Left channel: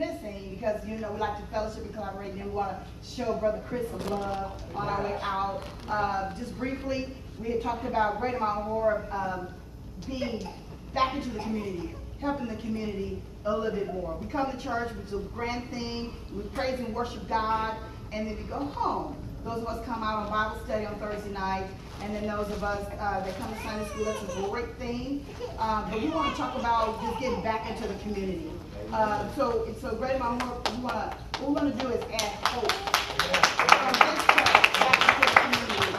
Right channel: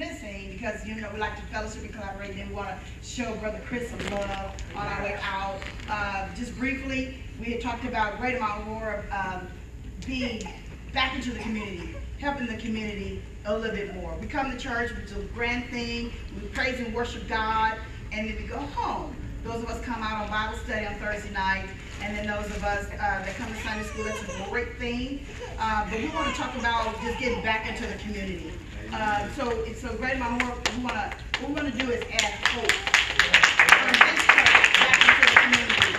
missing because, you know, we like to fellowship and collaborate, and we want to show Brother Chris some love on our way out. Just briefly, we had talked about Greater Mount Horeb being back into the community, helping the community a little bit more. We come to church, which is a grand thing, we praise and worship God, and then we go home. Those of us come out on Bible study on Thursday night, and then those of us that come to Sunday school, that's a great thing. But we want to talk about just getting back into the community. So Greater Mount Horeb, what we want to do is add hope from this church back into the community.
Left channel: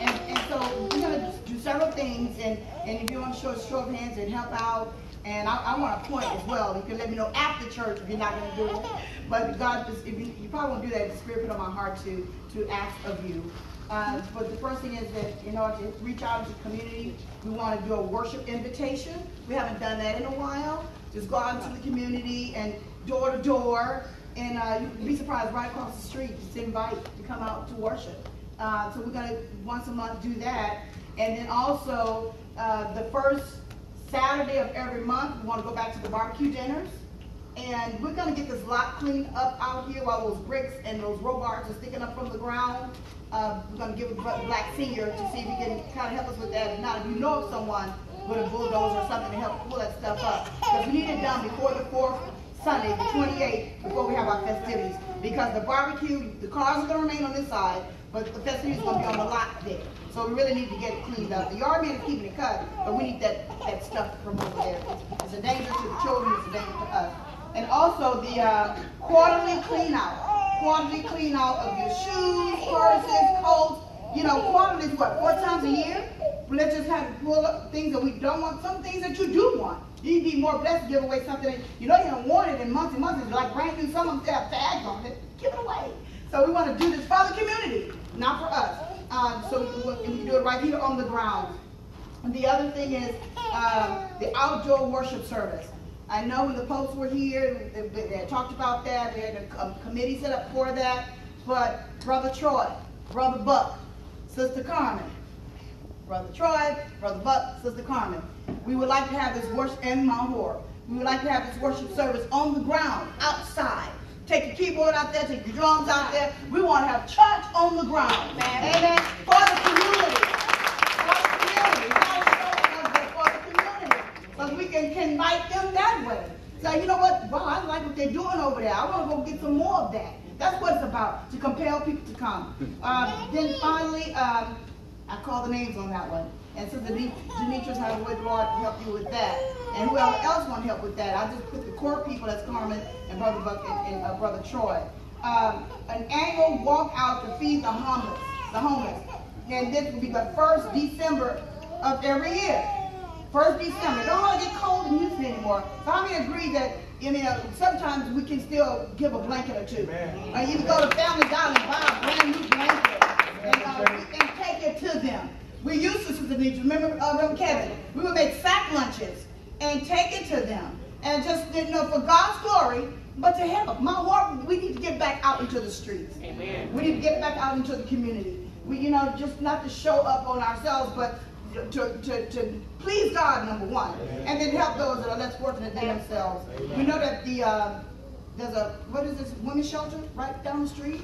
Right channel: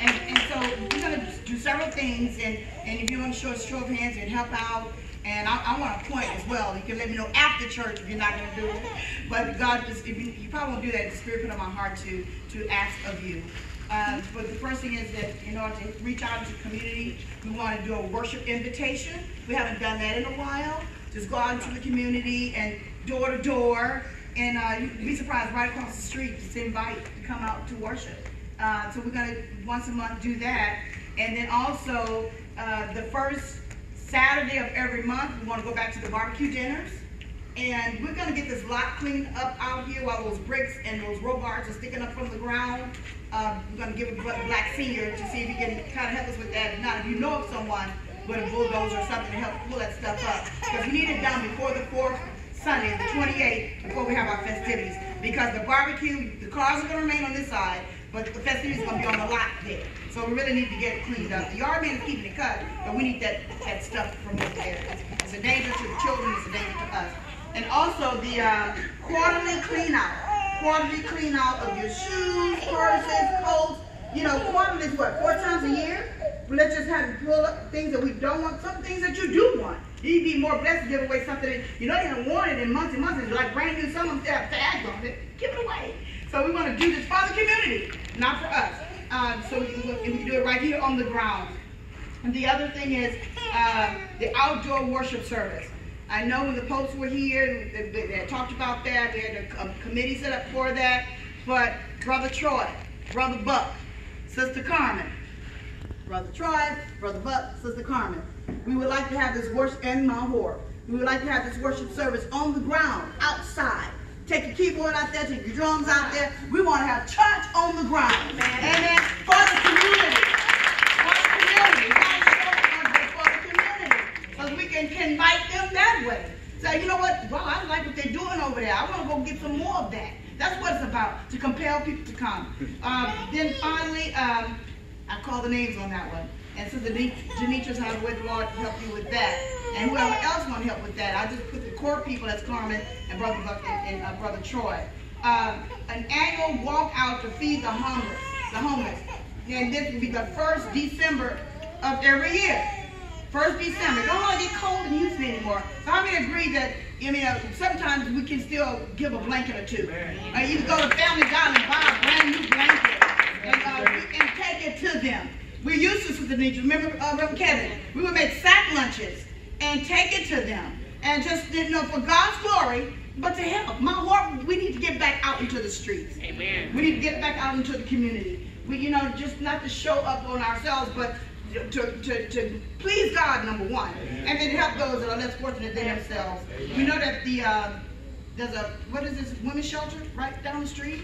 And so we're going to do several things, and if you want to show a show of hands and help out, and I want to point as well. You can let me know after church if you're not going to do it. But God, you probably won't do that. The Spirit put on my heart to ask of you. But the first thing is that, you know, to reach out to the community, we want to do a worship invitation. We haven't done that in a while. Just go out into the community and door to door, and you'd be surprised, right across the street, just invite to come out to worship. So we're going to once a month do that. And then also the first Saturday of every month, we want to go back to the barbecue dinners. And we're going to get this lot cleaned up out here while those bricks and those row bars are sticking up from the ground. We're going to give it to Brother Black Senior to see if he can kind of help us with that. If not, if you know of someone with a bulldozer or something to help pull that stuff up. Because we need it done before the 4th Sunday, the 28th, before we have our festivities. Because the barbecue, the cars are going to remain on this side, but the festivities are going to be on the lot there. So we really need to get it cleaned up. The yard man is keeping it cut, but we need that stuff from over there. It's a danger to the children, it's a danger to us. And also the quarterly clean out of your shoes, purses, coats. You know, quarterly is what, 4 times a year? Let's just have to pull up things that we don't want, some things that you do want. You'd be more blessed to give away something that you know you haven't worn it in months and months. It's like brand new, some of them have tags on it. Give it away. So we want to do this for the community, not for us. So we can do it right here on the ground. And the other thing is the outdoor worship service. I know when the posts were here, they talked about that. We had a committee set up for that. But Brother Troy, Brother Buck, Sister Carmen, Brother Troy, Brother Buck, Sister Carmen, we would like to have this worship in Mount Horeb. We would like to have this worship service on the ground, outside. Take your keyboard out there, take your drums out there. We want to have church on the ground. Amen. For the community. For the community. Because we can invite them that way. Say, you know what? Well, I like what they're doing over there. I want to go get some more of that. That's what it's about, to compel people to come. Then finally, I call the names on that one. And so Demetrius has with the Lord to help you with that. And whoever else want to help with that, I just put the core people, that's Carmen and Brother Buck and Brother Troy. An annual walk out to feed the homeless. And this will be the 1st December of every year. 1st December. Don't want to get cold in Houston anymore. So how many agree that, sometimes we can still give a blanket or two. You can go to Family Dollar and buy a brand new blanket and take it to them. We used to, Sister Denise, remember Reverend Kevin? We would make sack lunches and take it to them. And just, for God's glory, but to help. Mount Horeb, we need to get back out into the streets. Amen. We need to get back out into the community. We, just not to show up on ourselves, but to please God, number one. Amen. And then help those that are less fortunate than themselves. Amen. We know that there's a, what is this, women's shelter right down the street?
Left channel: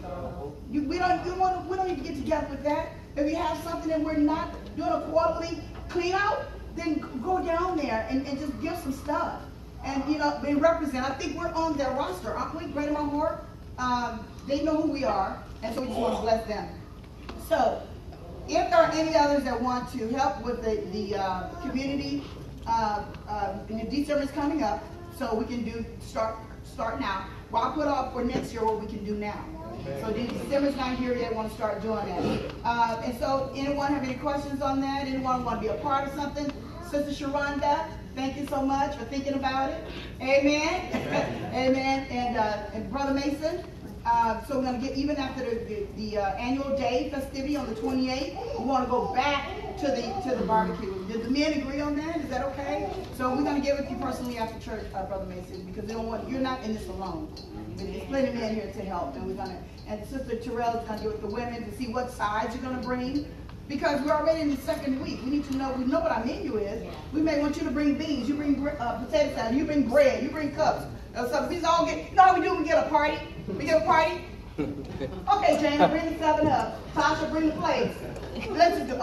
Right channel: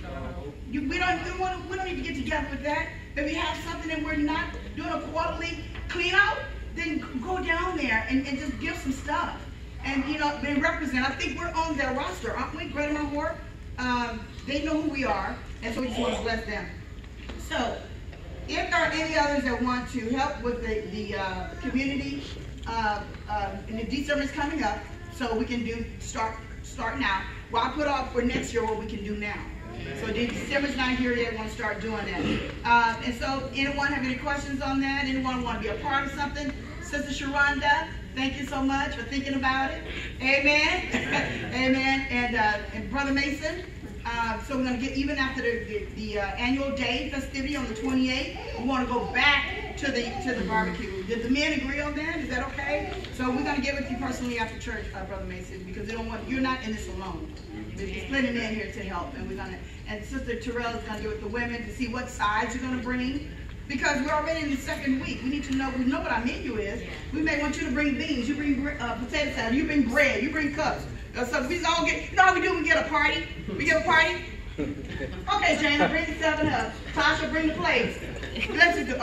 We don't need to get together with that. If you have something that we're not doing a quarterly clean out, then go down there and just give some stuff. And, they represent, I think we're on their roster, aren't we, Greater Mount Horeb? They know who we are, and so we just want to bless them. So, if there are any others that want to help with the community, and the December is coming up, so we can start now. Well, I put off for next year what we can do now. So December's not here yet, want to start doing that. And so anyone have any questions on that? Anyone want to be a part of something? Sister Sharonda, thank you so much for thinking about it. Amen. Amen. And Brother Mason. So we're going to get, even after the annual day festivity on the 28th, we want to go back to the barbecue. Did the men agree on that? Is that okay? So we're going to get with you personally after church, Brother Mason, because they don't want, you're not in this alone. There's plenty of men here to help, and we're going to, and Sister Terrell is going to get with the women to see what sides you're going to bring. Because we're already in the second week. We need to know, we know what our menu is. We may want you to bring beans, you bring potato salad, you bring bread, you bring cups. So we all get, you know how we do when we get a party? We get a party? Okay, Jane, bring the 7 up. Tasha, bring the plates. Let's do,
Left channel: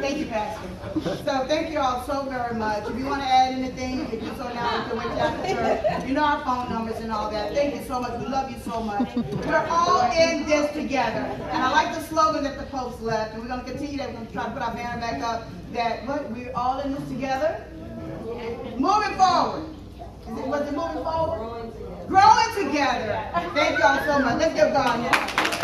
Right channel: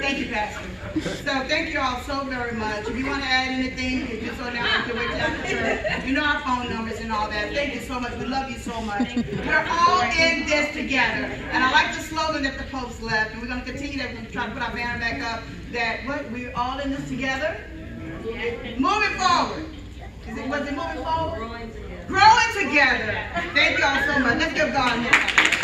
Thank you, Pastor. So thank you all so very much. If you want to add anything, you can do so now. You can wait till after church. You know our phone numbers and all that. Thank you so much. We love you so much. We're all in this together. And I like the slogan that the post left. And we're going to continue that. We're going to try to put our banner back up. That what, we're all in this together. Moving forward. Was it moving forward? Growing together. Thank you all so much. Let's give God now.